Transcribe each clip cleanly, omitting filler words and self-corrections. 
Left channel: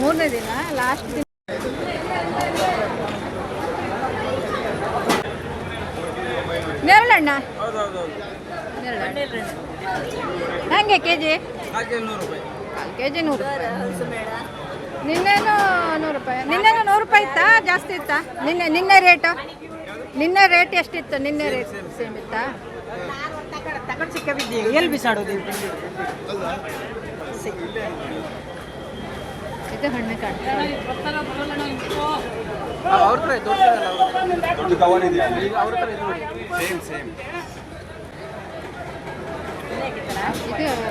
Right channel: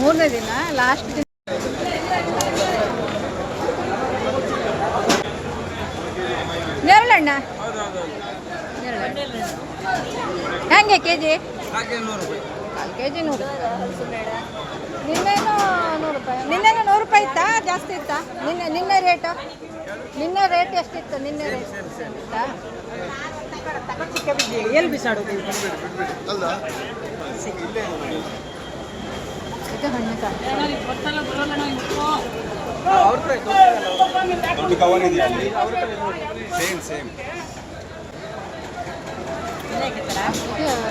ಮೂರನೇ ದಿನ ಲಾಸ್ಟ್ ದಿನ. ನೇರಳೆಹಣ್ಣ ಹೆಂಗೆ ಕೆ ಜಿ? ಕಾಲು ಕೆ ಜಿ 100 ರೂಪಾಯಿ. ನಿನ್ನೇನು 100 ರೂಪಾಯಿ. ನಿನ್ನೇನು 100 ರೂಪಾಯಿ ಇತ್ತಾ? ಜಾಸ್ತಿ ಇತ್ತಾ? ನಿನ್ನೆ ರೇಟ್ ಎಷ್ಟಿತ್ತು? ನಿನ್ನೆ ರೇಟ್ ಸೇಮ್ ಇತ್ತಾ? ಎಲ್ಲಿ ಬಿಸಾಡೋದು? ಇದು ಹಣ್ಣು ಕಾಣ್ತದೆ.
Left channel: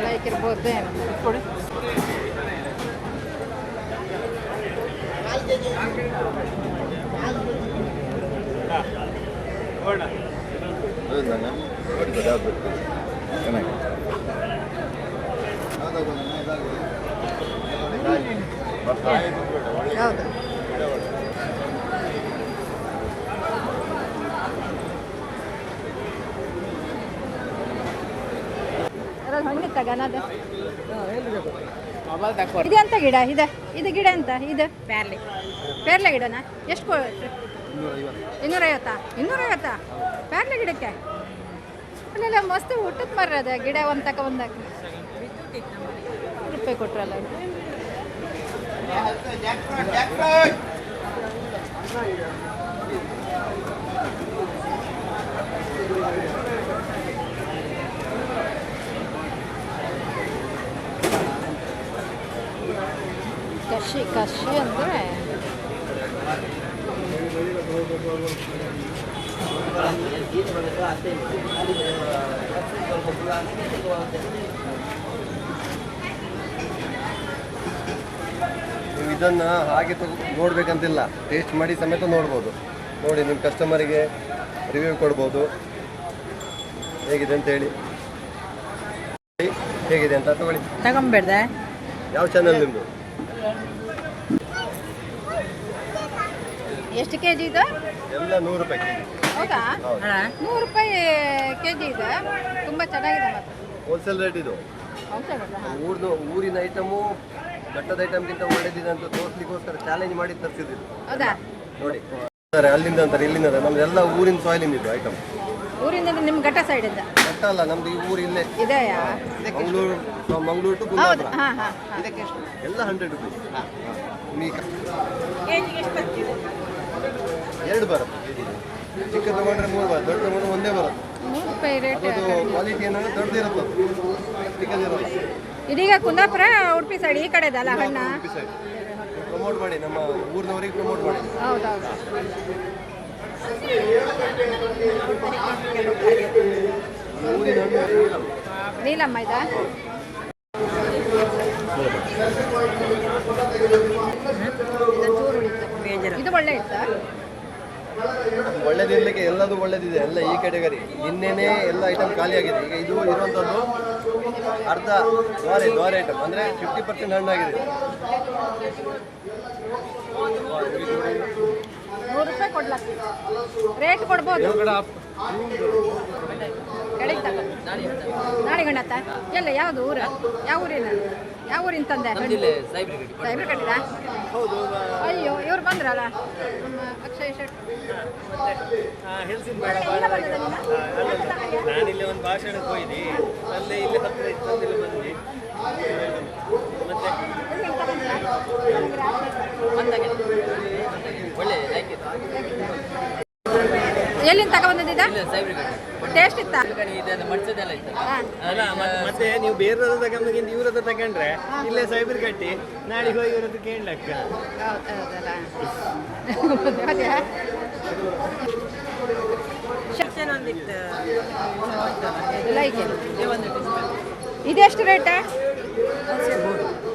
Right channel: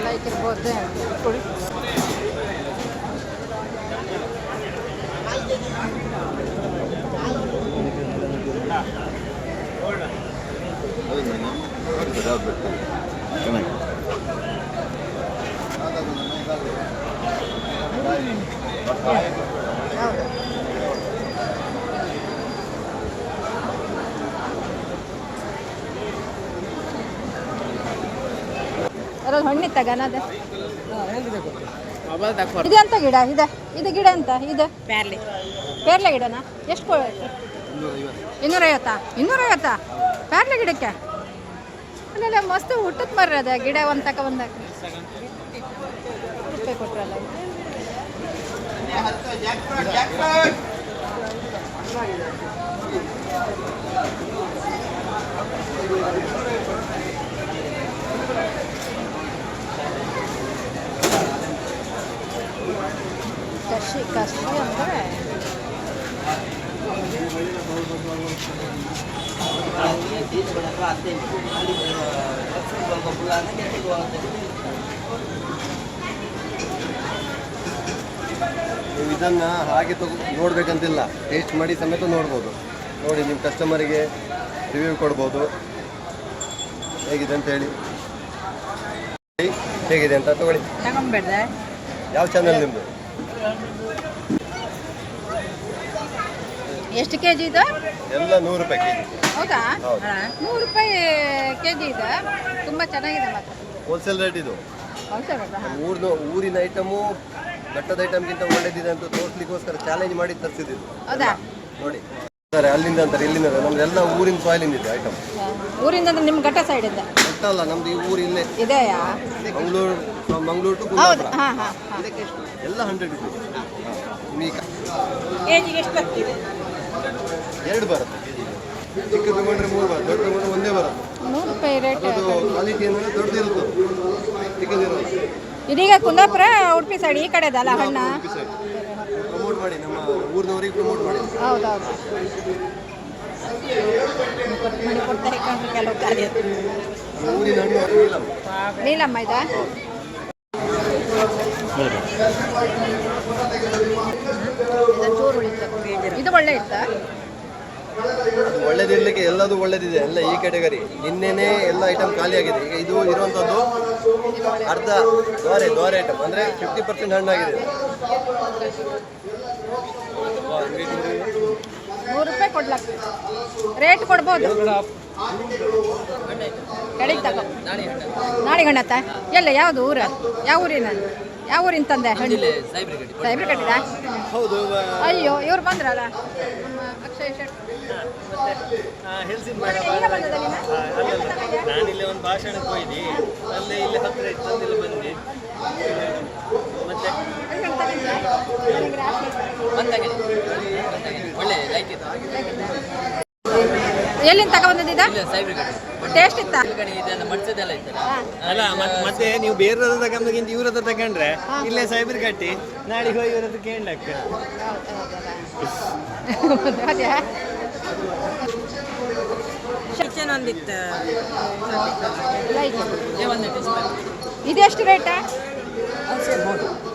ಲೈಕ್ ಇರ್ಬೋದು. ಹೌದು. ಅದ್ರಲ್ಲಿ ಹಣ್ಣಿತ್ತ ಗನದ ಇದೆ ಅಂತ ಗಿಡ ಇದು ಗಿಡ ಅಂತ ಇದು ಪೇರ್ಲೆ ಗಿಡನಾ? ಎಷ್ಟು ಕೊಟ್ಟು? 250. 250 ಪೇರ್ಲೆ ಗಿಡಕ್ಕೆ? ಅಲ್ಲೆಲ್ಲ ಮಸ್ತ್ ಊಟಕ್ಕೆ ಮರ್ರದ ಗಿಡ ಒಂದು ತಕ ಬಂದಾಗ ರೂಪಾಯಿ ಕೊಟ್ರಲ್ಲ. ಕಸಿ ಅಂದರೆ ಇದನ್ನ ಹಾಗೆ ನೋಡ್ಬೇಕಂತಿಲ್ಲ, ಟೇಸ್ಟ್ ಮಾಡಿ ಸಮೇತ ನೋಡ್ಬೋದು. ನೋಡಿ, ನಿಮ್ಮ ಕಸ್ಟಮರಿಗೆ ರಿವ್ಯೂ ಕೊಡ್ಬೋದು ಹೇಗಿದೆ ಅಂತ ಹೇಳಿ. ಹೇಗಿದೆ ಅಂತ ತಗೊಳ್ಳಿ. ತಗೊಂಬೇಡ. ಯಾವ ಚಾನಲ್ ನಿಮ್ಮದು? ಎಷ್ಟು ಕೆ ಜಿ ಇದು? ಎಲ್ಲ 100 ರೂಪಾಯಿ ಕೆ ಜಿ. ಹೌದಾ? 100 ರೂಪಾಯಿ ಕೆ ಜಿ ಇದೆ. ತುಂಬ ಚೆನ್ನಾಗಿದೆ ಮಾತ್ರ. ಹೋಲ್ಸೇಲ್ ರೇಟ್ ಇದು. Wholesale rate. ಊರಿನ ಐಟಮು ಘಟ್ಟದ ಐಟಮ್ಗಿಂತ ಒಳ್ಳೇದಿದೆ ಅಂತ ತೋರಿಸ್ಲಿಕ್ಕೋಸ್ಕರ ಚಾಲೆಂಜ್ ಮಾಡಿ ತರಿಸಿದ್ದು. ಹೌದಾ? ನೋಡಿ, ಅಲ್ಲಿಂದ ಅಂತಾರೆ, ಇಲ್ಲಿಂದ ನಮ್ದೆಲ್ಲ ಊರಿನ ಸಾಯಿಲಿಂದ ಇದು ಐಟಮ್. ಊರಿಂದ ಅಂದ್ರೆ ನಿಮ್ಮ ಘಟ್ಟ ಸೈಡಿಂದ? ಘಟ್ಟ ಅಲ್ಲ, ನಮ್ದು ಈ ಊರು ಇಲ್ಲೇ ಇದೆಯಾ? ಮಂಗಳೂರು ಟು ಕುಂದಾಪುರ. ಎಲ್ಲ 100 ರೂಪಾಯಿ. ಎರಡು ಬರುತ್ತೆ. ಚಿಕ್ಕ ತಗೊಂಡ್ರೆ 3 ಬರುತ್ತೆ, ದೊಡ್ಡ ತಗೊಂಡ್ರೆ ಒಂದೇ ಬರುತ್ತೆ. 100 ರೂಪಾಯಿ ರೇಟ್. ಕ್ವಾಲಿಟಿ ಏನಾದ್ರೆ ದೊಡ್ಡದಿರುತ್ತೆ, ಚಿಕ್ಕದಿರಲ್ಲ. ಇದೀಗ ಕುಂದಾಪುರ ಉಡುಪಿ ಸೈಡ್ ಈ ಕಡೆದಲ್ಲ ಹಣ್ಣ? ಪ್ರಮೋಟ್ ಮಾಡಿ, ನಮ್ಮ ಊರಿನವರಿಗೆ ಪ್ರಮೋಟ್ ಮಾಡಿ. ಹೌದೌದು. ಊರಿನ ಹಣ್ಣು ನೀಲಮ್ಮ ಇದಾ? ಇದು ಒಳ್ಳೆ ಇತ್ತಾ? ಒಳ್ಳೇದಿರ್ಲಿಕ್ಕೆ ಎಲ್ಲದೂ ಒಳ್ಳೇದಿದೆ, ಎಲ್ಲ ಈ ಕ್ಯಾಟಗರಿ. ನಿನ್ನೆನೇ ಎಲ್ಲ ಐಟಮ್ ಖಾಲಿ ಆಗಿದೆ. ಈಗ ಇದು ಇರುವಂಥದ್ದು ಅರ್ಧ ದ್ವಾರೆ ಐಟಮ್, ಅಂದರೆ 50% ಹಣ್ಣಾಗಿದೆ. 100 ರೂಪಾಯಿ ಕೊಡ್ಲಕ್ಕ ರೇಟ್ ಕೊಡ್ಬೋದು. ನಾಳೆ ಗಣತ ಎಲ್ಲ ಯಾವುದು ಊರು? ಯಾವ ಊರಿನ? ಯಾವ ಊರಿನ ತಂದೆ? ಸೈಬ್ರ ಕಟ್ಟಿದ? ಅಯ್ಯೋ, ಇವ್ರು ಬಂದ್ರಲ್ಲ ನಮ್ಮ ಅಕ್ಷಯ್ ಶೆಟ್ಟಿ. ನಾನಿಲ್ಲಿ ಒಂದು ಭಾಷಣಕ್ಕೆ ಹೋಯ್ದಿ, ಅಲ್ಲೇ ಇಲ್ಲಿ ಹತ್ತಿರ ಇತ್ತು, ಬಂದು ಮತ್ತೆ ಎಲ್ಲಿಂದ ತಗೊಂಡಿದ್ದ? ಟೇಸ್ಟ್ ಇತ್ತ? ಮತ್ತೆ ನೀವು ಬೇರೆ ತಗೊಂಡ್ಗಿಂತ ಇವ್ರ ಹತ್ರ ತಗೊಂಡ್ರೆ ಇಲ್ಲೇ ಸೈಬರ್ ಕಟ್ಟಿ ನಾಳೆ ಹೋಗಿ ಇವ್ರ ಹತ್ರ ಕೇಳಕ್ಕ. ಇದೆಷ್ಟು ರೇಟ್?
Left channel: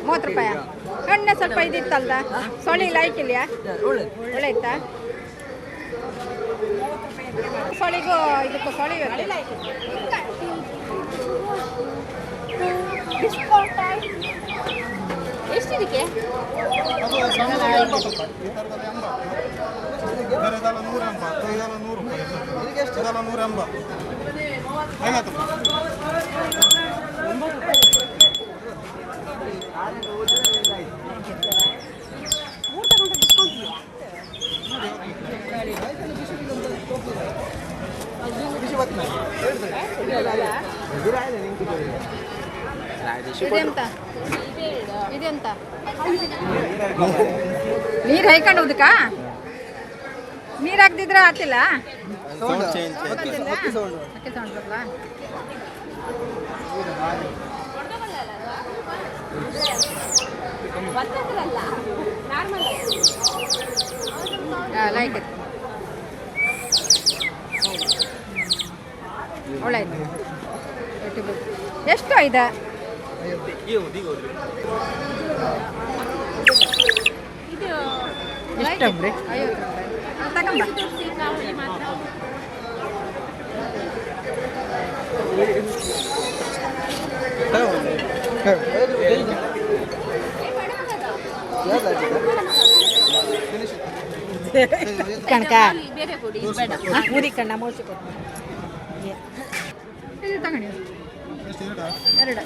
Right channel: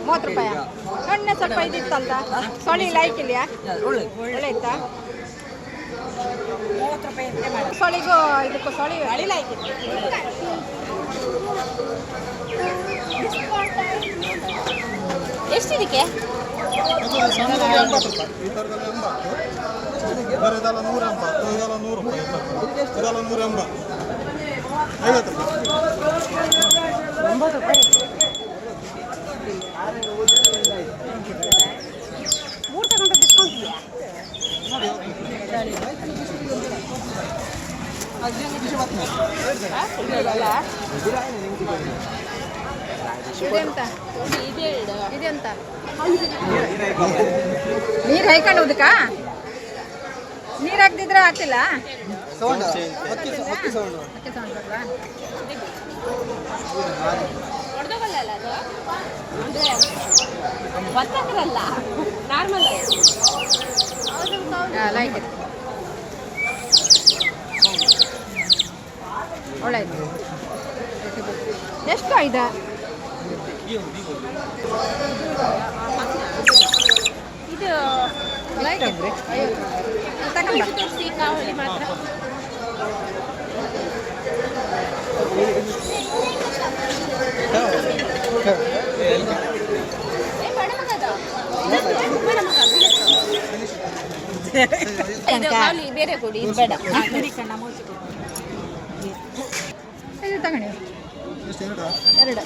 30 ರೂಪಾಯಿ. ಹಣ್ಣು ಸ್ವಲ್ಪ ಇದಿತ್ತಲ್ದ, ಸೊಳಿ ಲೈಕ್ ಇಲ್ಯಾ? ಒಳ್ಳೆ ಇತ್ತಾ? ಸೊಳಿಗೂ ಇದಕ್ಕೂ ಸೊಳಿ ಎಷ್ಟಿದಕ್ಕೆ? ಇದೆಂತ ಇದೆಂತ ನೀರು ಹೈಕೊಂಡು ಹೋದಕ್ಕಾ ನೀರು ಹಾಕ್ದಿದ್ರೆ ಆಗ್ತಿಲ್ಲ ಅಕ್ಕಿ ಸೌಂಡ್ ಬರಲ್ಲ ಲೈಕ್ ಒಳ್ಳೆ ಎಷ್ಟು ಇದೆ ಇದು 50 ರೂಪಾಯಿ ತಗೊಂಬ ಕನಕ ಬೇರೆ ಕೊಡಿ ಬೇಡ ಮುರಿ ಕಣ್ಣ ಮೋಸ್ಕೊ ಇದು ತಗೊಳ್ಳಿ ಎರಡು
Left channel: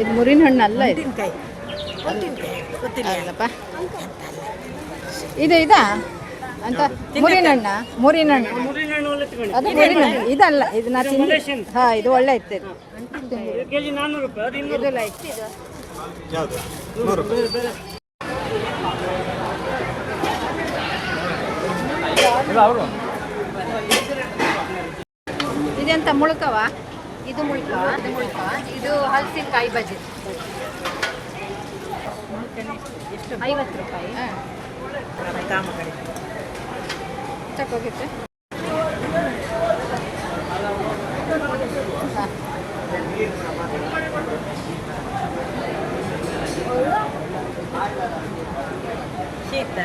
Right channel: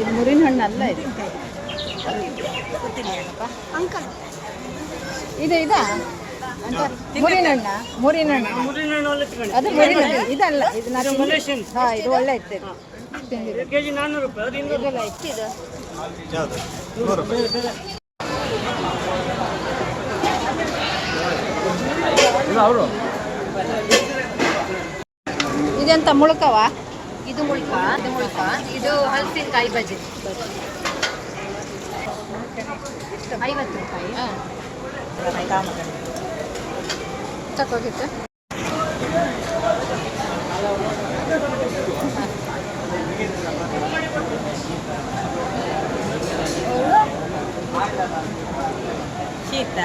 ಇದು ಮುರಿನ ಹಣ್ಣು ಅಲ್ಲ ಇದು ಇದು ಇದಾ ಅಂತ ಮುರಿನ ಹಣ್ಣು ಅದು ಮುರಿನ ಹಣ್ಣು ಇದಲ್ಲ ಇದು ಹಾಂ ಇದು ಒಳ್ಳೆ ಇತ್ತು ಕೆಜಿ 400 ರೂಪಾಯಿ ಇದೆಲ್ಲ ಇತ್ತು ಇದೆಂತ ಮುಳುಕವ ಇದು ಮುಳುಕ ಇದು ಹಲಸಿನಕಾಯಿ ಬಜ್ಜಿ 50 ರೂಪಾಯಿ ತಗೋಗಿತ್ತು ಶೀತ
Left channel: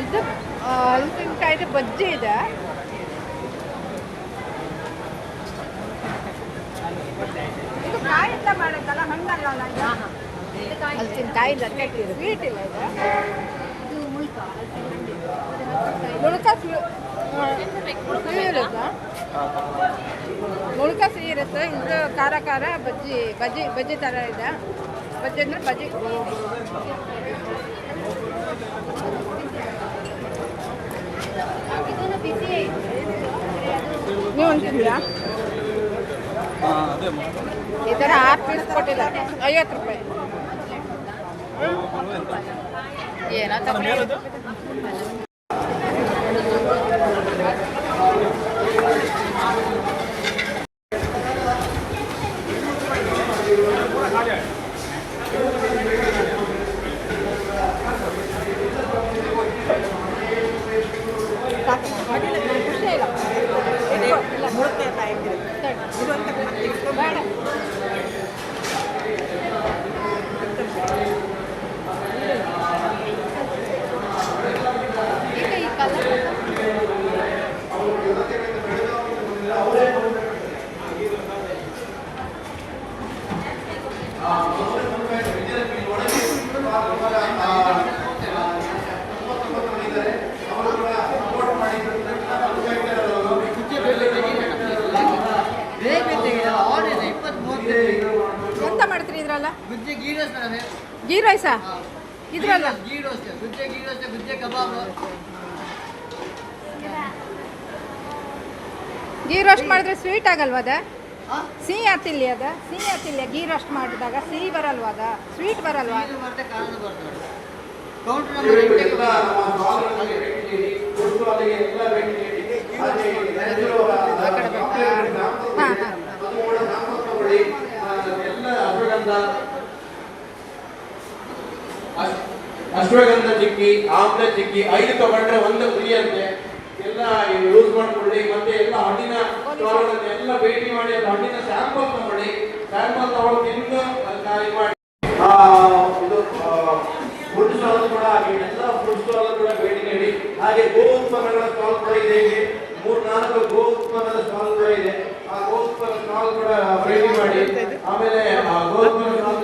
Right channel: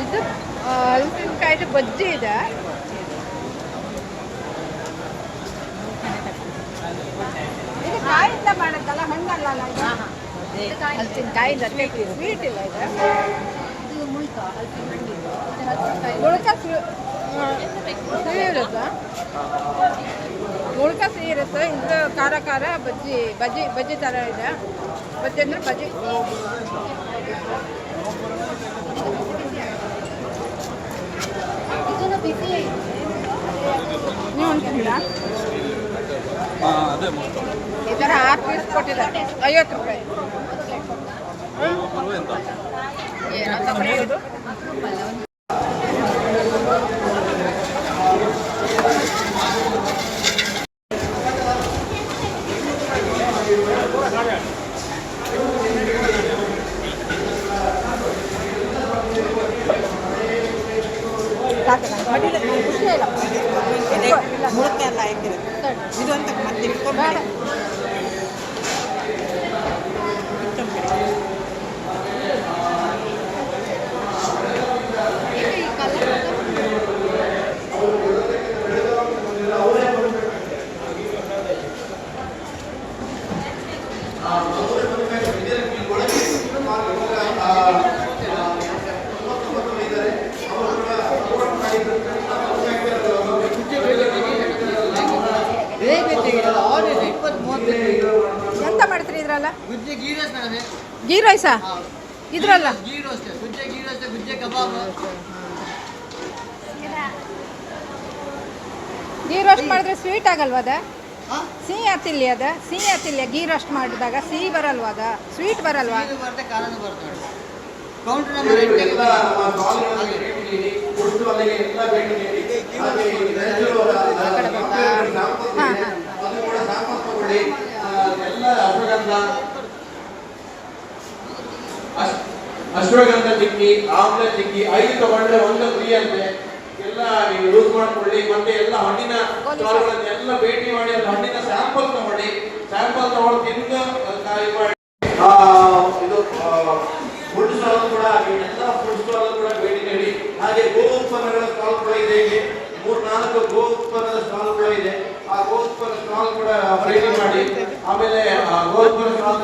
ಇದು ಹಲಸಿನಕಾಯ್ದು ಬಜ್ಜಿ ಇದೆ ಇದು ಕಾಯಿಂದ ಮಾಡುತ್ತಲ್ಲ ಹಣ್ಣಲ್ಲ ಹಲಸಿನಕಾಯಿ ಸ್ವೀಟ್ ಇಲ್ಲ ಇದು ಮುಳುಕ ಸಿಹಿ ಇರುತ್ತೆ ಮುಳುಕ ಸಿಹಿ ಇರುತ್ತೆ ಇದು ಖಾರ ಬಜ್ಜಿ ಥರ ಇದೆ ಬಜ್ಜಿ ಅಂದರೆ ಬಜ್ಜಿ ಬಿಸಿ ನೀವು ಅಂತಿದ್ದೀರಾ ಈ ಥರ 6 ಪೀಸ್ ಕೊಟ್ಟಿದ್ದಾರೆ 50 ರೂಪಾಯಿ ಬೇಡ ಎಂತ ಮಾಡ್ತೀರಿ ಇದ್ರಲ್ಲ ಗೀ ರೈಸಾ ಇದ್ರಲ್ಲ ಗೀ ರೋಸ್ಟ್ ಮಾಡಿದ್ರೆ ಸ್ವೀಟ್ ಆಗಲ್ವ ಅದ ಸಿಹಿ ಆತಿಲ್ಲ ಗೀ ರೋಸ್ಟ್ ಮಾಡಿದಾಗ ಸಿಹಿ ಬರಲ್ವ ಅದ ಸ್ವೀಟ್ ಬರಲ್ವಾ ಆ ಕಡೆ ಬೇಕಾ ಹಾಂ ಹಾಂ ಅಶ್ವಗಂಧ ಚಿಕ್ಕಿ ಆಮ್ಲ ಚಿಕ್ಕಿ 5 ತಗೊಂಡ್ರೆ 1 ಫ್ರೀ ಅಂತೆ ಎಲ್ಲ ಯೂಸ್ ಮಾಡ್ಕೊಳ್ಳಿ ಮತ್ತೆ ಎಲ್ಲ ಹಣ್ಣಿನ ಎಲ್ಲ ಭೇಟಿ ಮಾಡಿ ಹಣ್ಣಿನ ಸ್ಯಾಂಪಲ್ ತಗೊಳ್ಳಿ ಸ್ಯಾಂಪಲ್ ತಗೊಂಡು ತಿಂದು ಇದು ಫುಡ್ ಸ್ಟಾಲ್ ಕೂಡ ಎಲ್ಲ ಫುಡ್ ಸ್ಟಾಲ್ ಕೂಡ ಭೇಟಿ ನೀಡಿ ಹಾಗೆ ಗೋ ಉತ್ಪನ್ನಗಳ ಸ್ಟಾಲ್ ಕೂಡ ಇದೆ ಇಲ್ಲಿ 3-4 ಗೋ ಉತ್ಪನ್ನದ ಸ್ಟಾಲ್ ಕೂಡ ಇದೆ ಆ ಗೋ ಉತ್ಪನ್ನ ಸ್ಟಾಲ್ ಕೂಡ ಭೇಟಿ ಮಾಡಿ ಆಮೇಲೆ ಗೋ ಉತ್ಪನ್ನ ಸ್ಟಾಲ್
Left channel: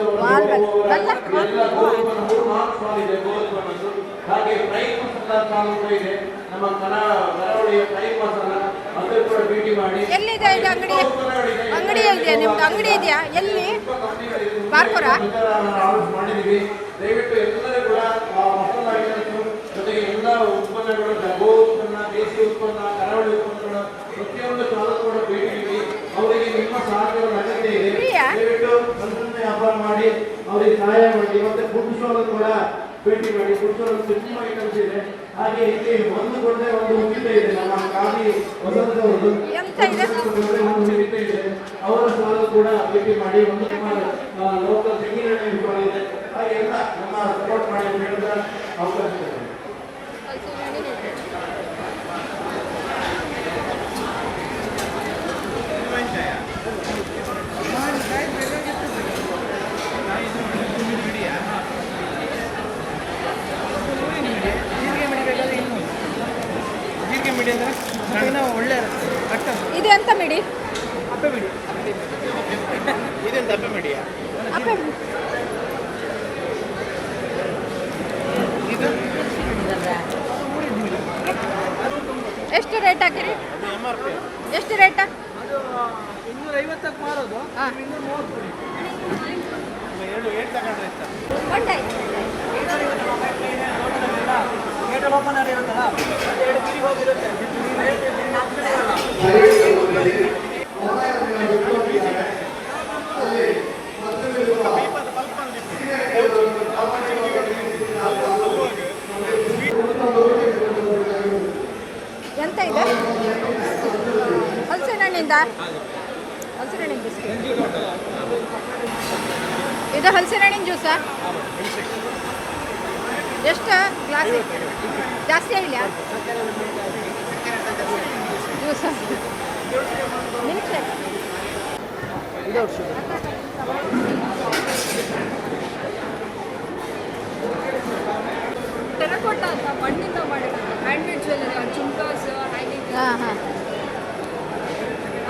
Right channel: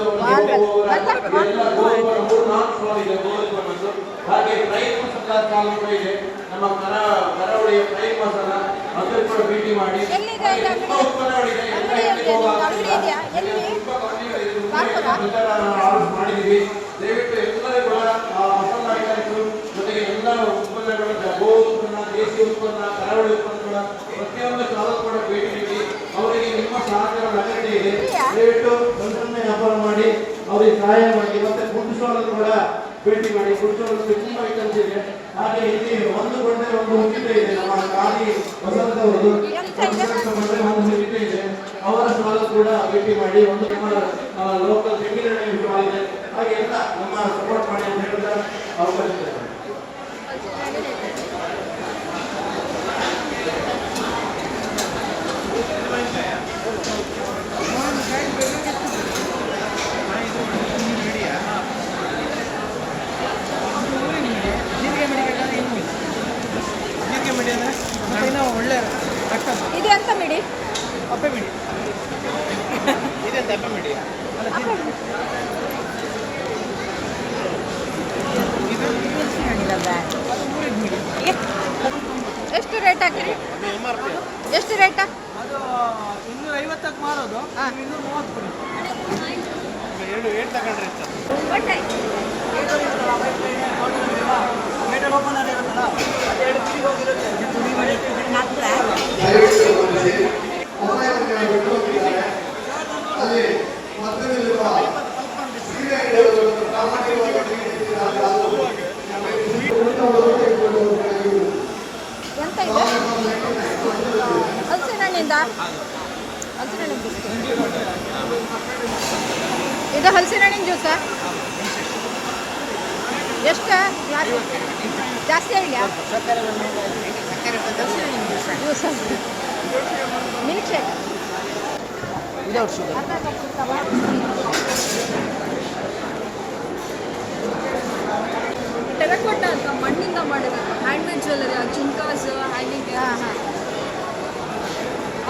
ಎಲ್ಲ ಗೋ ಉತ್ಪನ್ನ 3-4 ಸ್ಟಾಲ್ ಇದೆ ಗೋ ಉತ್ಪನ್ನದ್ದು ಹಾಗೆ ಡ್ರೈ ಫ್ರೂಟ್ಸ್ ಸ್ಟಾಲ್ ಕೂಡ ಇದೆ ನಮ್ಮ ಕರಾವಳಿಯ ಡ್ರೈ ಮಸಾಲ ಅದನ್ನು ಕೂಡ ಭೇಟಿ ಮಾಡಿ ಎಲ್ಲಿದೆ ಇದು ಅಂಗಡಿ ಆರ್ಡರ್ ಮಾಡಿದ್ದೀವಿ. ದಯವಿಟ್ಟು ಎಲ್ಲರೂ ಕೂಡ ಮಸಾಲ ಐಟಮ್ಸ್ ಜೊತೆಗೆ ಎಲ್ಲ ಉತ್ಪನ್ನಗಳು, ಗೋ ಉತ್ಪನ್ನ, ದೇಸಿ ಉತ್ಪನ್ನ, ಕರಾವಳಿ ಉತ್ಪನ್ನಗಳು ಪ್ರತಿಯೊಂದು ಕಾಲಕ್ಕೂ ಕೂಡ ಭೇಟಿ ನೀಡಿ ಅವರಿಗೆ ನಿಮ್ಮ ಸಹಕಾರದ ಅಗತ್ಯ ಇದೆ. ದಯವಿಟ್ಟು ಒಂದೊಂದೇ ವ್ಯಾಪಾರ ಮಾಡಿ ಅವರಿಗೆ ಸಹಾಯ ಮಾಡಿ. ಮತ್ತೆ ಫುಡ್ ಸ್ಟಾಲ್ ಕೂಡ ಭೇಟಿ ಮಾಡಿ. ಫುಡ್ ಸ್ಟಾಲ್ ತುಂಬ ಐಟಮ್ಸ್ ಇದೆ. ಹಾಗೆ ಇಲ್ಲಿ ಒಂದು ಗೊಂಡೆ ಒಂದು ಮುಗಿತೆ ಇದೆ. ನಮ್ಮ ಖಾಲಿ ಹೊಸದವರದು ಒಂದು ಮುಗಿತೆ ಇದೆ. ಅವರ ಸ್ಟಾಲ್ ಕೂಡ ಭೇಟಿ ಮಾಡಿ. ಒಂದು ನಮ್ಮ ಲೋಕಲ್ ತೆಂಗಿನೆಣ್ಣೆ ಸ್ಟಾಲ್ ಇದೆ. ಹಾಗೆ ಎಲ್ಲ ನಮ್ಮ ಸಪೋರ್ಟ್ ಮಾಡಿ ಅಂತ ಹೇಳಿದ್ರೆ ಅವಕಾಶ ಇದೆ. ಇದು ಎಂತ ಮಿಡಿ? ಅಪ್ಪೆ ಬಿಡಿ. ಇದೆಂತ ಅಪ್ಪೆ ಬಿಡಿ? ಅಪ್ಪೆ ಬಿಡಿ. ಎಷ್ಟು ರೇಟ್ ಹಾಕಿರಿ? ಎಷ್ಟು ರೇಟ? ಅದು 250ಕ್ಕೆ ಮಾರೋದು. 230 ಕೊಡಿ. 7 ರೇಟ್ ತಗೊಂಡ್ರೆ ಇಷ್ಟ. ಓಪನ್ ಆಗಿರುತ್ತಲ್ಲ, 2 ತಿರುಗಿ ಹೋಗಿರುತ್ತೆ. ಎಂತ ಇದೆ? ಹಲಸಿನ ಹಣ್ಣಿಂದ? ಹಲಸಿನ ಹಣ್ಣಿನ ಬಿಸ್ಕೆಟ್. ಇದು ಹಲಸಿನ ಹಣ್ಣಿನ ಜ್ಯೂಸಾ? ಎಷ್ಟು ಗ್ಲಾಸ್? ಜಾಸ್ತಿ ಆಗಿಲ್ಲ? Juice, milk shake. ಟೆರಕೋಟ ಅಂತ ಮಣ್ಣಿಂದ ಮಾಡಿರೋದು ಹ್ಯಾಂಡ್ಮೇಡ್ ಜ್ಯುವೆಲ್ಲರಿ, ಆ ಜುಮ್ಕಾಸ್, ಹ್ಯಾಂಗಿಂಗ್,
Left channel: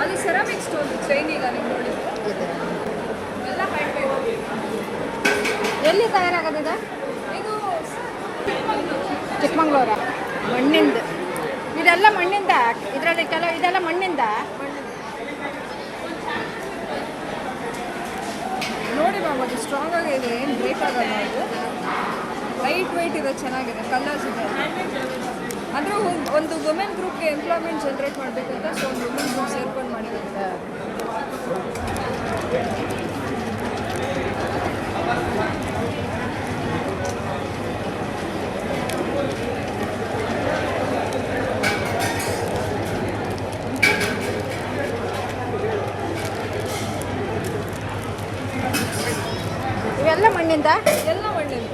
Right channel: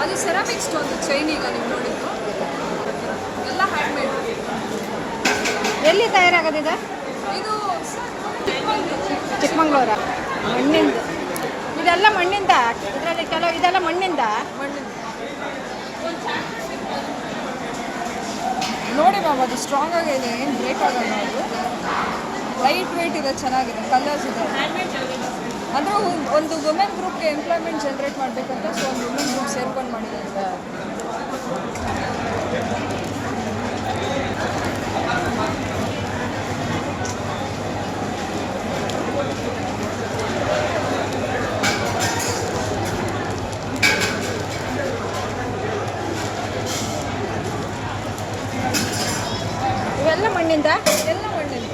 ಅದು ಸೆರಾಮಿಕ್ ಸ್ಟೋನ್ ಚೈನೀಗ ನೀವು ನೋಡಿದ್ದು ಎಲ್ಲ ಹ್ಯಾಂಡ್ಮೇಡ್. ಎಲ್ಲಿ ತಯಾರಾಗೋದಿದೆ? ಇದು ಚಿಕ್ಕಮಂಗ್ಳೂರ. ಮಣ್ಣಿಂದ ಇದೆಲ್ಲ ಮಣ್ಣಿಂದ. ಇದರಲ್ಲಿ ಕೆಲವು ಇದೆಲ್ಲ ಮಣ್ಣಿಂದ. ನೋಡಿ ಮ್ಯಾಮ್, ಅದು ಸ್ಟ್ರಾಂಗ್ ಆಗಿದೆ, ಏನು ಬ್ರೇಕ್ ಆಗಲ್ಲ. ಅದು ಲೈಟ್ ವೆಯ್ಟ್ ಇದೆ, ಚೆನ್ನಾಗಿದೆ, ಕಲರ್ಸ್ ಇದೆ. ಅಂದರೆ ಒಂದು ವುಮೆನ್ ಗ್ರೂಪ್ಗೆ ಎಂಪ್ಲಾಯ್ಮೆಂಟ್ ಜನ್ರೇಟ್ ಮಾಡಬೇಕಂತ ಸೊ ಒಂದು ವುಮೆನ್ ಗ್ರೂಪ್ ಸೇರ್ಕೊಂಡು ಮಾಡಿದ್ದಾರೆ. ಇವೆಲ್ಲ ಮಣ್ಣಿಂದ? ಎಲ್ಲ ಮಣ್ಣಿಂದ.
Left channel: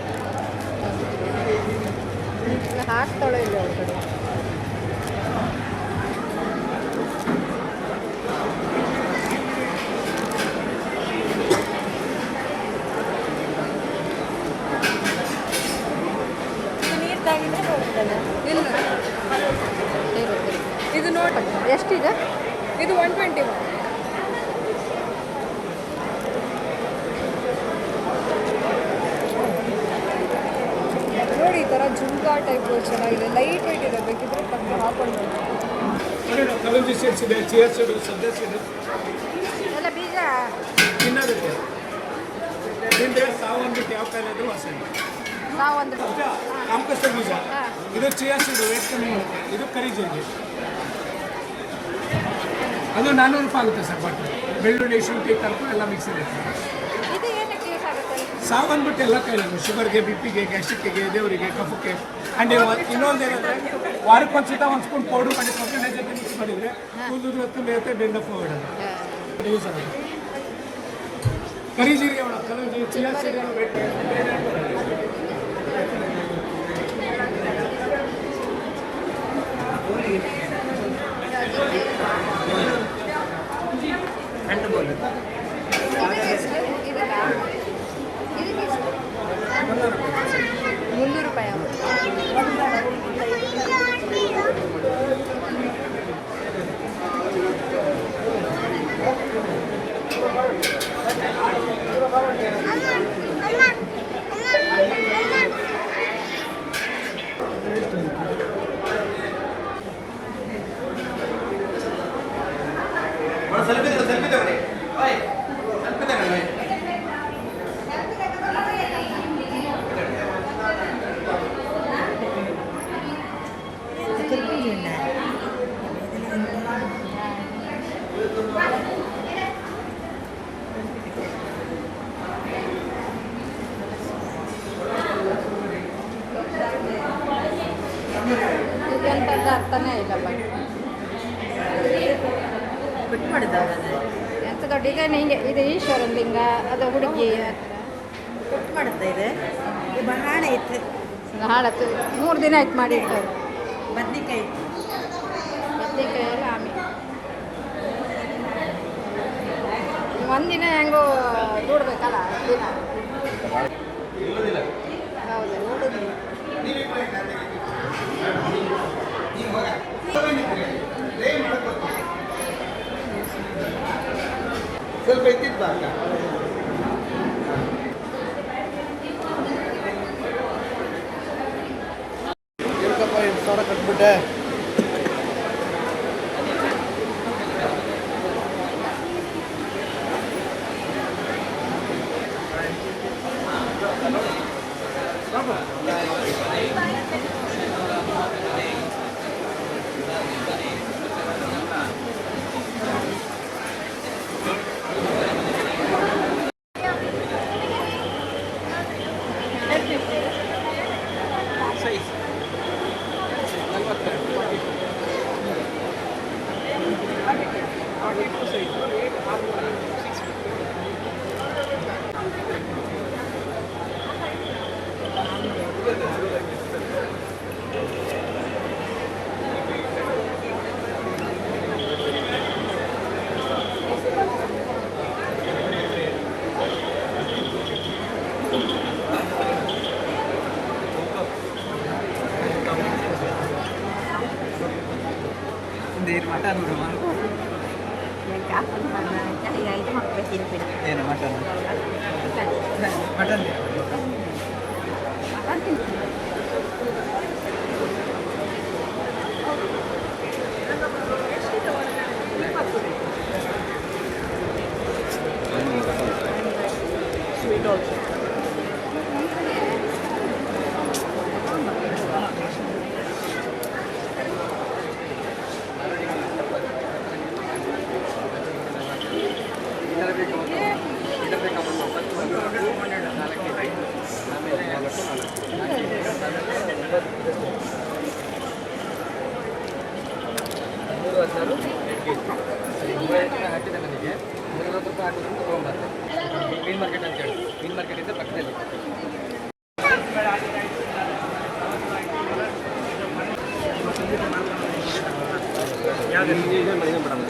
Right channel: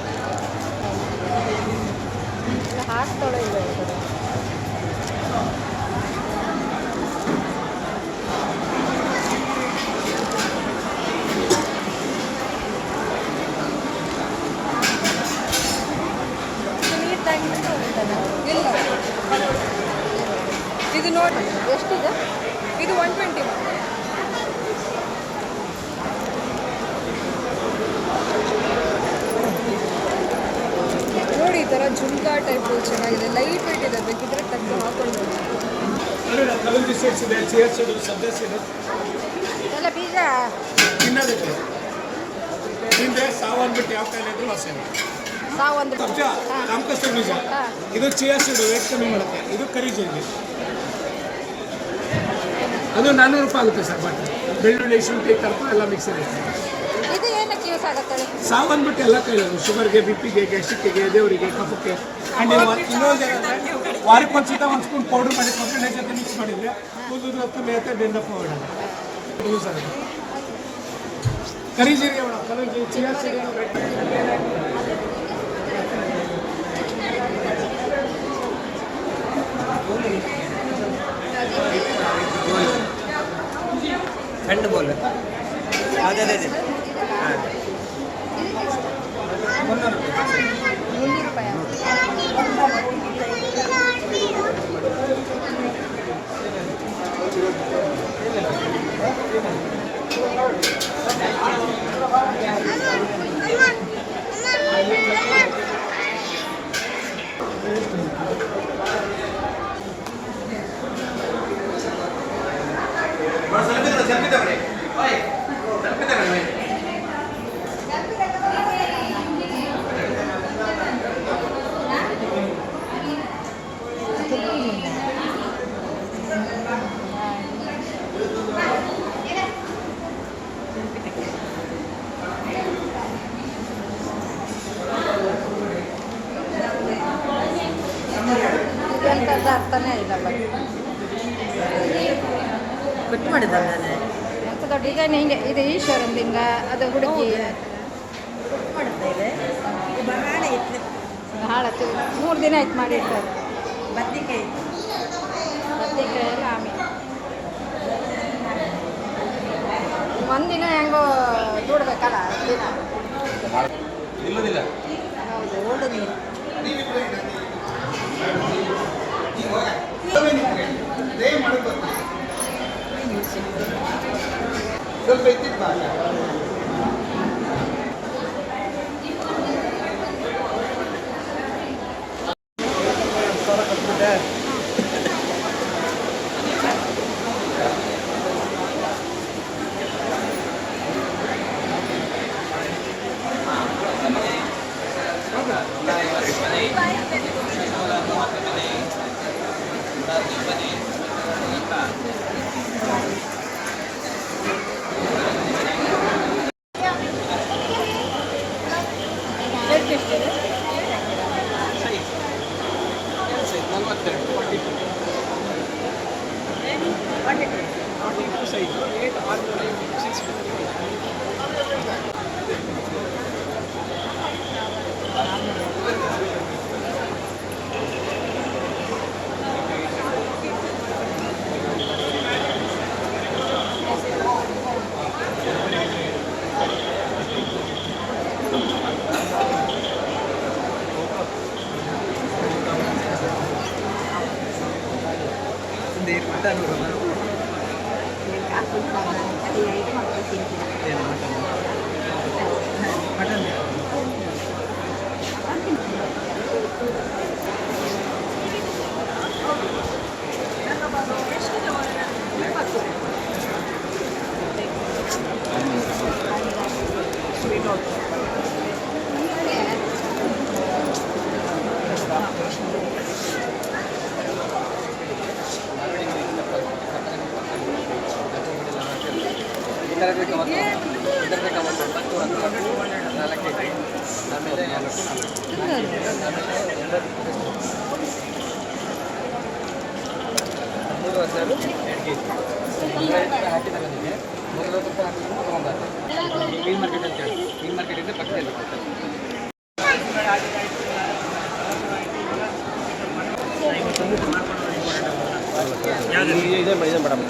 ಹಾಕ್ತಾಳೋ ಇಲ್ಲ ಒಳಗಡೆ? ಇಲ್ಲ, ಇದು ನೋಡಿ ಎಷ್ಟಿದೆ? ಇದು 120 ಮ್ಯಾಮ್. ನೋಡಿ ಈ ಥರ ಜುಮ್ಕಾ ಟೈಪು ಚೆನ್ನಾಗಿದೆ, ಲೈಟ್ ವೆಯ್ಟ್ ಇದೆ, ಬೇಕಿದ್ರೆ ಟಕ್ ಹಾಕೊಂಡು ಕಲಂಜಿ ಸೀಡ್ಸ್ ಇದೆ, ಚಿಯಾ ಸೀಡು, ಸದ್ಯ ಸೀಡು ಎಲ್ಲ ಬೀಜ ತಿನ್ನೋದಕ್ಕೆ. ತಿಂದರೆ ಸಾವು ಅಂದ್ಬಿಟ್ಟು ಯಾವ ಕಾಲ ಇದ್ರು ವಾಸನೆ. ಸಾವೊಂದು ಕಾಂಕಸ್ಟರ್ ಬೀಜ. ಇದು ಚಿಯಾ ಸೀಡು, ವೇಟ್ ಕಮ್ಮಿ ಮಾಡುತ್ತೆ. ಇದು ಕರಿ ಜೀರಿಗೆ. ಅದು 400 ರೂಪಾಯಿ ಆಗುತ್ತೆ ಸರ್ ಬಾಟಲ್. ಬೆಳ್ಳುಳ್ಳಿ, ಶುಂಠಿ, ಕರ್ಪೂರ ಎಲ್ಲ ಮಿಕ್ಸ್ ಇರುತ್ತೆ. ಇದು ಏನಕ್ಕೆ ಯೂಸ್ ಆಗುತ್ತೆ? ಸಾವು ಅಂದ್ಬಿಟ್ಟು ಎಲ್ಲ ಕೈಲದು. ಶುಗರ್ಗೆ, ಬಿಪಿಗೆ, ಗ್ಯಾಸ್ಟ್ರಿಕ್ಗೆ, ದೇವರಿಗೆ, ಕಫಕ್ಕೆ. ಆ್ಯಂಡ್ ಇನ್ನೊಂದು ಏನಂದರೆ ವಾರಕ್ಕೊಂದ್ಸತ ಒಂದು ಸ್ಪೂನ್ ಪೌಡ್ರ್ ಮಾಡಿ ಕೊಬ್ಬರಿ ಜೊತೆ ಮಿಕ್ಸ್ ಮಾಡಿದರೆ ಕೂದಲು ಹೊತ್ತು ಡೆಂಡಫ್ ಹೋಗಿಡಲ್ಲ. ಯೂಸ್ ಆಗುತ್ತೆ. ಕರಿ ಜೀರಿಗೆ ಅವಳ ಕಲಂಜಿ, ಚಿಯಾ ಸೀಡು ठंड बोले आधे दे दे 300 ರೂಪಾಯಿ. सेल्फी तगड़ी भाई, सेल्फी तगड़ी भाई. ಎಂಥದ್ದು ಅರ್ಥನೇ ಇಲ್ಲ ಬಗ್ಗೆ ಎಂಥದ್ದು ಡಿಸೈನ್ ಹಿಂಗೆ ಇದು ಈಶ್ವರನ ಲಿಂಗ ಅದು ಹುಡುಗಿ ಹಾಳತ್ತು 3 ದಿನ ಆಯ್ತು ಮಾಡಿರ್ತಾರೆ ಬದ್ನಿಕಾಯಿ ಎಲ್ಲ ಆಮೇಲೆ ಒಂದಿನ ಹೆಂಗೋ ದುಡ್ಬೇಕಲ್ಲ ದಿನ ಹೌದು ಸ್ವಲ್ಪ ಇದ್ದಿದ್ದು ಮಟನ್ ಏನು ಮಟನ್ ಮಟನ್ ಸ್ವೀಟ್ ಆಲ್ಸೋ ಹಾಕಿದ ನನಗೆ 350 ರೂಪಾಯಿ ಹಾಕಿದ್ರು ತೊಗೊಂಡ್ಬಾರ್ದು ಗ್ರೀನ್ ಮಾರ್ಕೆಟ್ ಅಂತ ಹೇಳಿ ಗ್ರೀನ್ ಮಾರ್ಕೆಟ್ ಇಂದ ಪಕ್ಕದಲ್ಲಿ ಇದೆ ಮೇಡಮ್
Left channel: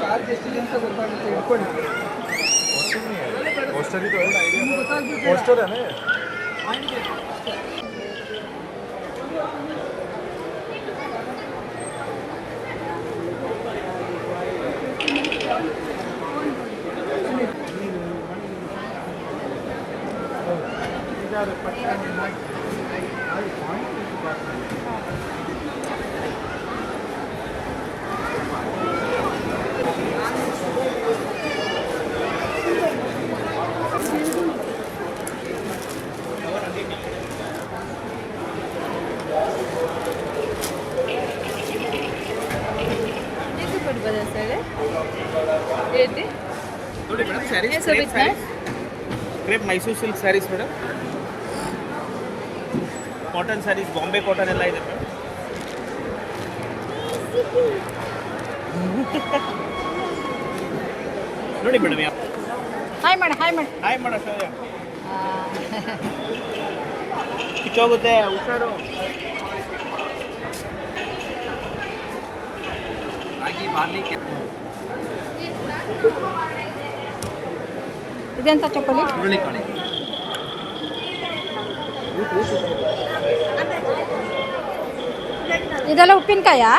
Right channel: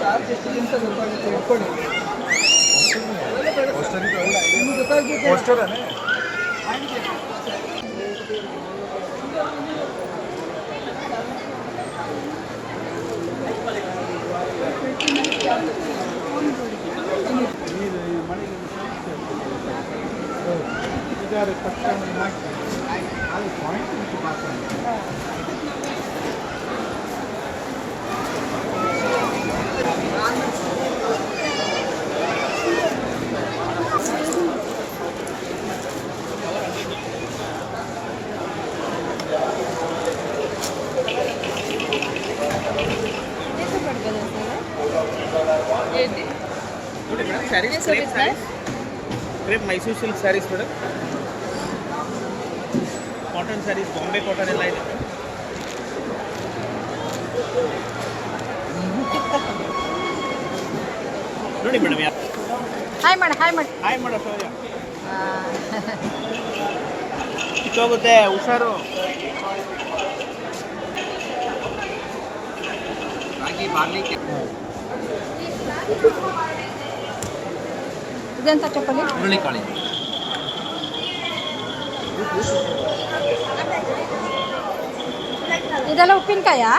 ಚಾರ್ಜ್ ಎಷ್ಟಿದೆ ಅಂತ ಹೇಳ್ಕೊಳ್ಳಿ ಪೋಸ್ಟರೇ ನೋಡಿ madam saris crepe Mysore silk saris madam cotton saris Bombay cotton ಎಲ್ಲ ಇದೆ ನೋಡಿ ಮೇಡಮ್ ಹಾಯ್ ಮಾಡಿ ಹಾಯ್ ಮಾಡಿ ಹಾಯ್ ಮಾಡೋ ಕಿತ್ತೋಗುತ್ತೆ ಹುಷಾರು ಇದೆಂತ ಚಪ್ಪಲಿ ಹುರುಳಿಕಾಳಿ ಇದೆಲ್ಲ ಉಪ್ಪಿನಕಾಯಾ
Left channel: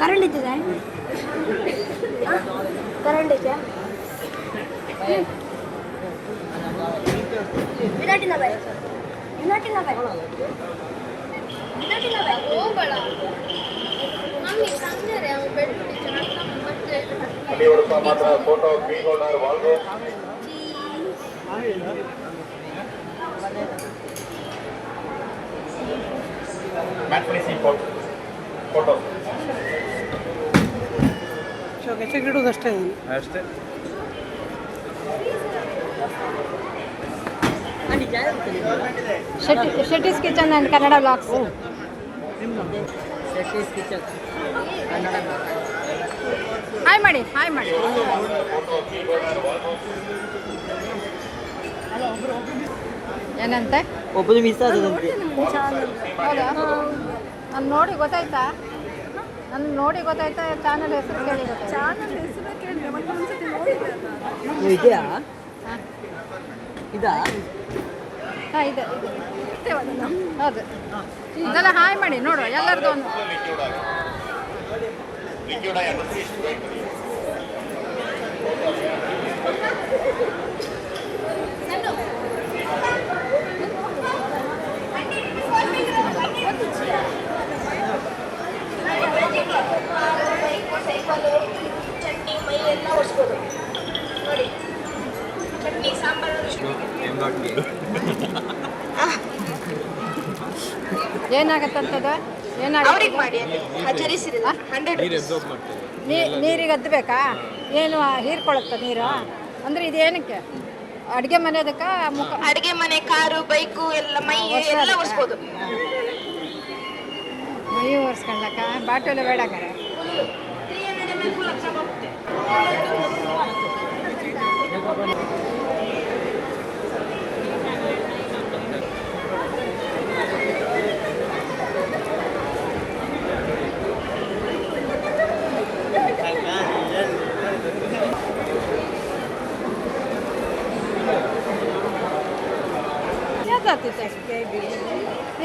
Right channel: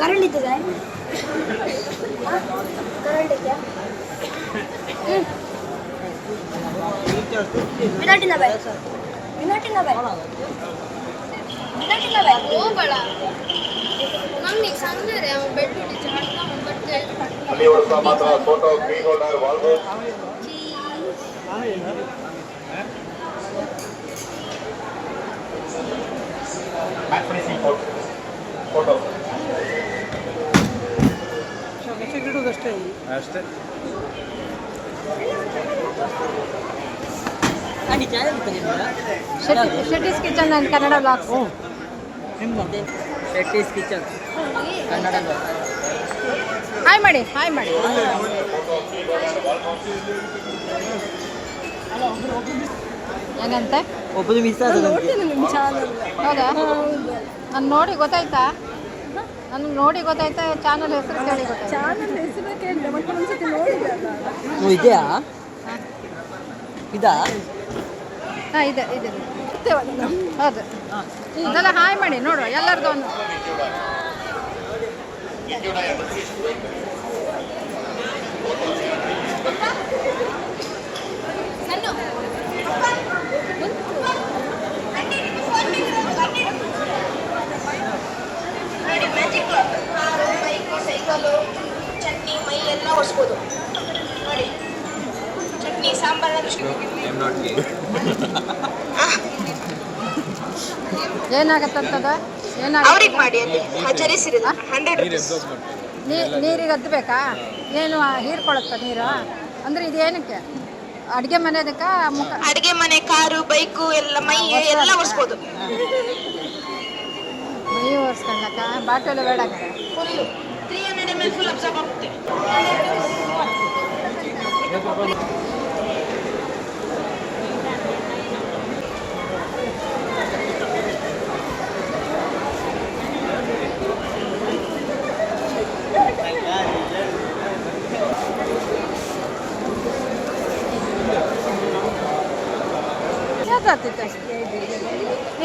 ಕರೆಂಟ್ ಇದ್ದಿದೆ ಕರೆಂಟ್ ಇದೆ ವಿನಾಟಿನ ಬಾಯ್ ಅಷ್ಟೇ. Shetty's kitchen and Kannada blogs. Shetty's kitchen hi ಮಾಡಿ, ಹಾಯ್ ಮಾಡಿ. ಏನಂತೆ? ಒಬ್ಬರು ಮಿಸ್ ಆಗೋದಂತೆ. ಹೌದಾ? ನಾನು ನೋಡಿ ಗೊತ್ತಾಯ್ತಾ? ನನಗೆ ನೋಡಿ ಗೊತ್ತಾಯ್ತಾ? ಚಾನಲ್ ಹೆಸರು ಕೇಳಿ ಗೊತ್ತಾಯ್ತಾ? ಇದೆಯಾ? ಹಾಂ ಇದಾ? ಹಾಂ ಇದೆ ಇದೆ. ಹೌದು, ಇದೆಲ್ಲ ಹಾಯ್ ಮಾಡಿ ನೋಡುವ ಎಲ್ಲರದ್ದು ಒಂದು. ಏನಾಗತ್ತಂತದ? ಏನಾಗುತ್ತೆ? ನೀರಿಗೆ ಅದ್ದಬೇಕಾ? ಏನು ಹೀರ್ಕೊಳತ್ತ ನೀರು? ಅಂದ್ರೆ ಇದೇನಕ್ಕೆ? ಅಡುಗೆ ಮನೆದಕ್ಕ ಮುಖ? ಅಡಿಗೆ ಮನೆ, ಕಾರು, ಬೈಕು ಎಲ್ಲ ಮೈ ಎಲ್ಲ ಒರೆಸ್ಬೋದು. ಮೈ ಒರೆಸ್ಕೊಳ್ಳಕ್ಕ ಬಾಟಲು ಬೇಡ ಕಡೆ. 300 ml ಫುಲ್ ಅಬ್ಸರ್ವ್ ಆಗುತ್ತೆ.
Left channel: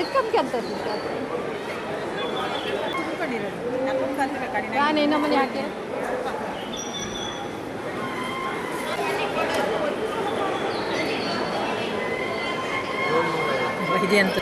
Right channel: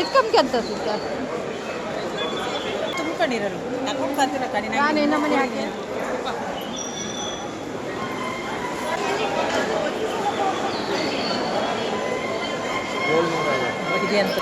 ಇದ್ಕೊಂಡ್ಕೆ ಅಂತ ನಾನು ಇನ್ನೂ ಮನೆ ಹಾಕಿ ಇದೆ ಅಂತ.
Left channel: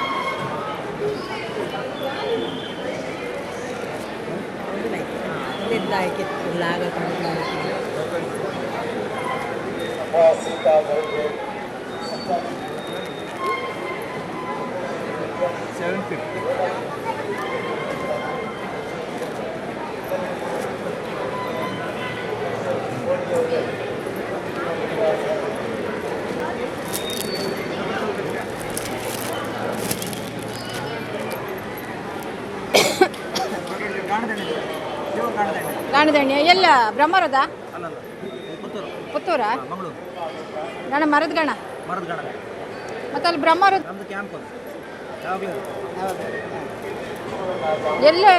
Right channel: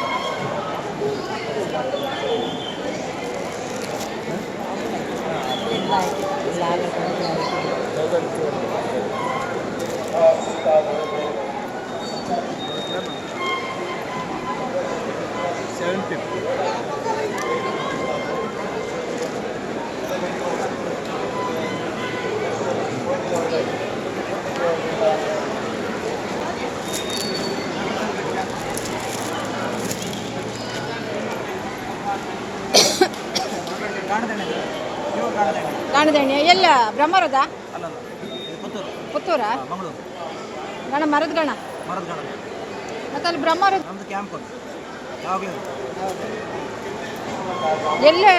ಗಾಣದಣ್ಣೆ ಎಲ್ಲ ಬ್ರಹ್ಮರದ? ಅಲ್ಲಲ್ಲ, ಪುತ್ತೂರ? ಮಂಗಳೂರು. ಗಣ ಮರದ ಗಣ ಮರದ ಗಾಣ. ಮತ್ತೆ ಅಲ್ಲಿ ಬ್ರಹ್ಮರದ ನಮ್ದು ಕ್ಯಾಂಪ್ ಅದು ಯಾವಾಗಲೂ. ಹೌದು. ಎಲ್ಲೇ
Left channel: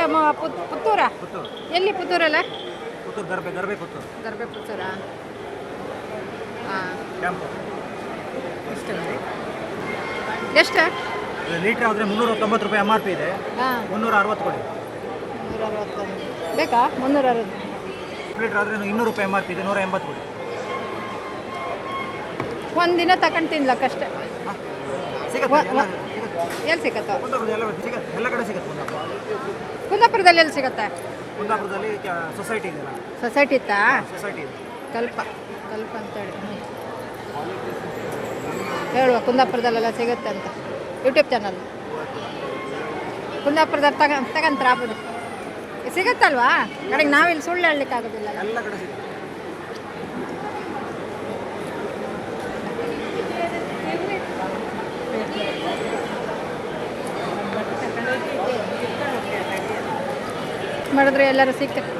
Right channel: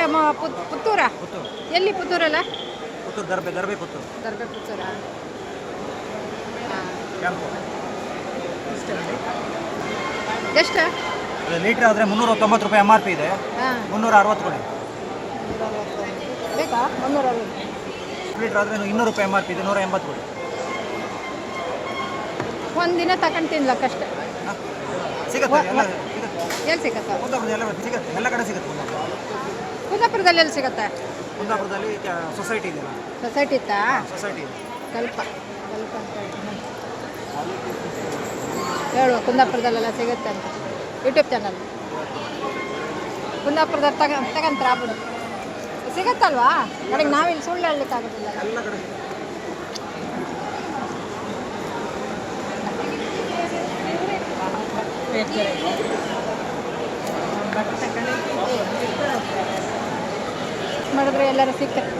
ಪುತ್ತೂರ? ಪುತ್ತೂರು. ಎಲ್ಲಿ ಪುತ್ತೂರಲ್ಲ? ಪುತ್ತೂರು ದರ್ಬೆ ಪುತ್ತೂರು. ದರ್ಬೆ ಪುತ್ತೂರ. ಹಾಂ. ಕ್ಯಾಂಪು ಎಷ್ಟು? ಲೀಟ್ರ್ ಆದರೆ 390 ರೂಪಾಯಿ MRP ಇದೆ. ಹಾಂ. 360 ಕೊಡಿ. 360 ಬೇಕಾ? 360. ಲೀಟ್ರ್ ಆದರೆ 200 ರೂಪಾಯಿ MRP ಇದೆ. 180 ಕೊಡಿ. ಒಂದಿನ ತಗೊಂಡು ತಿನ್ಲಕ್ಕಷ್ಟೆ. ಸಿಗತ್ತೆ, ಎಲ್ಲ ಸಿಗತ್ತೆ. ಎಲ್ಲಿ ಸಿಗತ್ತ? ಕುಂದಾಪುರದಲ್ಲಿ ಎಲ್ಲ ಸಿಗತ್ತೆ, ಎಲ್ಲ ಕಡೆ ಸಿಗತ್ತೆ. ಕುಂದಾಪುರದಲ್ಲಿ ಎಲ್ಲಿ ಸಿಗತ್ತೆ? ಕುಂದಾಪುರದಲ್ಲಿ ಸೊಸೈಟಿ ಇದೆಯಲ್ಲ, ಸೊಸೈಟಿ ಇತ್ತಾ? ಸೊಸೈಟಿ ಇದೆ. ಕಲ್ಪ ಅಂತ ಹೇಳುವ ಕುಂದಾಪುರದಲ್ಲೆಲ್ಲ ಸಿಗುತ್ತೆ ಅಂತ ಯೂಟ್ಯೂಬ್ ಚಾನಲ್. ಕುಂದಾಪುರದಲ್ಲಿ ತಗಂತಾರೆ ಆಗ್ಬೋದು. ಸಿಗತ್ತಲ್ವಾ? ಕಡೆಗೆ ನಾವಿಲ್ಲಿ ಸುಳ್ಳು ಹೇಳಲಿಕ್ಕಾಗೋದಿಲ್ಲ. ಎಲ್ಲ ಕಡೆ ಸಿಗುತ್ತೆ. ಮಾಡಿದ್ರೆ ಎಲ್ಲರೂ ಸಿಕ್ಕತ್ತೆ.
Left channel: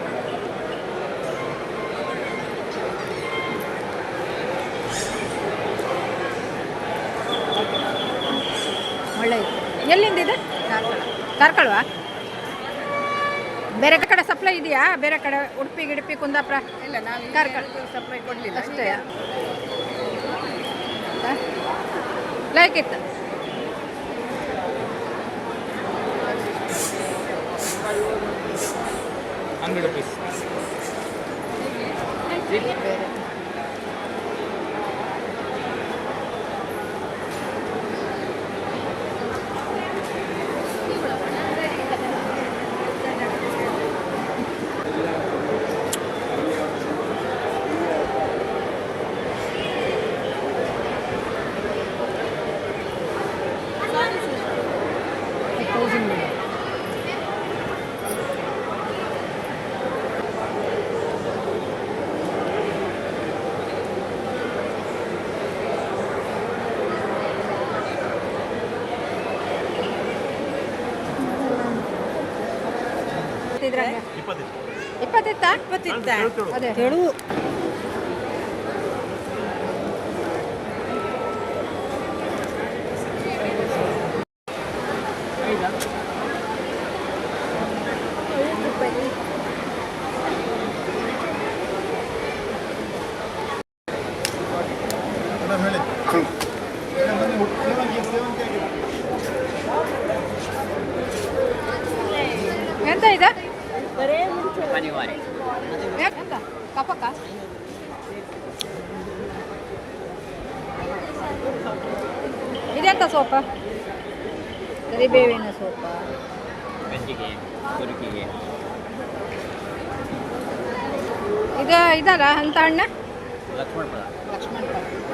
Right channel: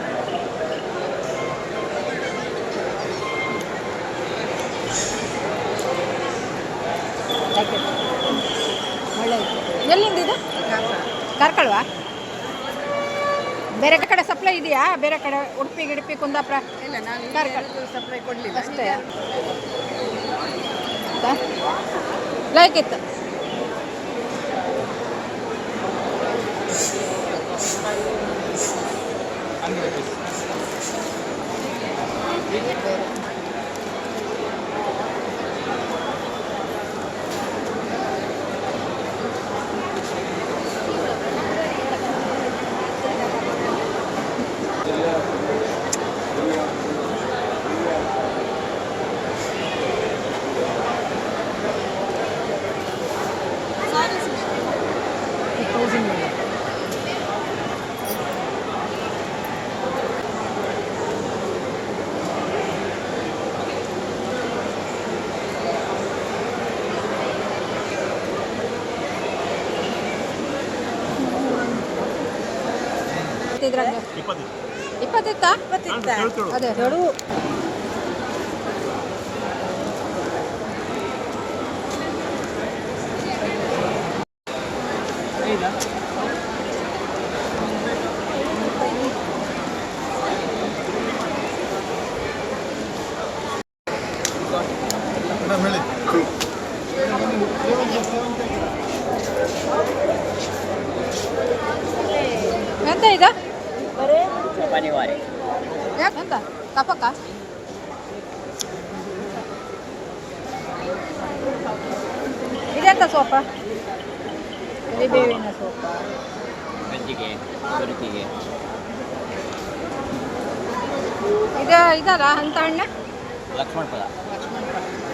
ಒಳ್ಳೆ ಇತ್ತು. ಎಲ್ಲಿಂದ ಇದು? ಕಾರ್ಕಳವಾ? ಬೇರೆ ಕಡೆ ಸಪ್ಲೈ ಇದೆಯಾ? ಬೇರೆ ಕಡೆ ಉಡುಪಿ ಗಿಡುಪಿ ಕುಂದಾಪುರ ಕಾರ್ಕಳ ಸಪ್ಲೈ ಕೊಡಲಿಲ್ಲ ಅಷ್ಟೇ. ಲೈಕ್ ಇತ್ತು. ಬೇರೆ 1000 ಮೇಡಮ್. ಇದ್ರಾಗೆ 20 ಅದೇ ಹೇಳು. ಎಂತ ಇದು ಎಂತ ಕಫಕ್ಕ ಇದೆಂತ ಸೋಪ ಕರಿಬೇವಿನ ಸೋಪ ಗಂಜಿಗೆ ಸೊರಕಿಗೆ ಇದು ಇದಲ್ಲ ಅಂತ ಹಣ್ಣ ಲಕ್ಷ್ಮಣ ಫಲ ಲಕ್ಷ್ಮಣ ಫಲ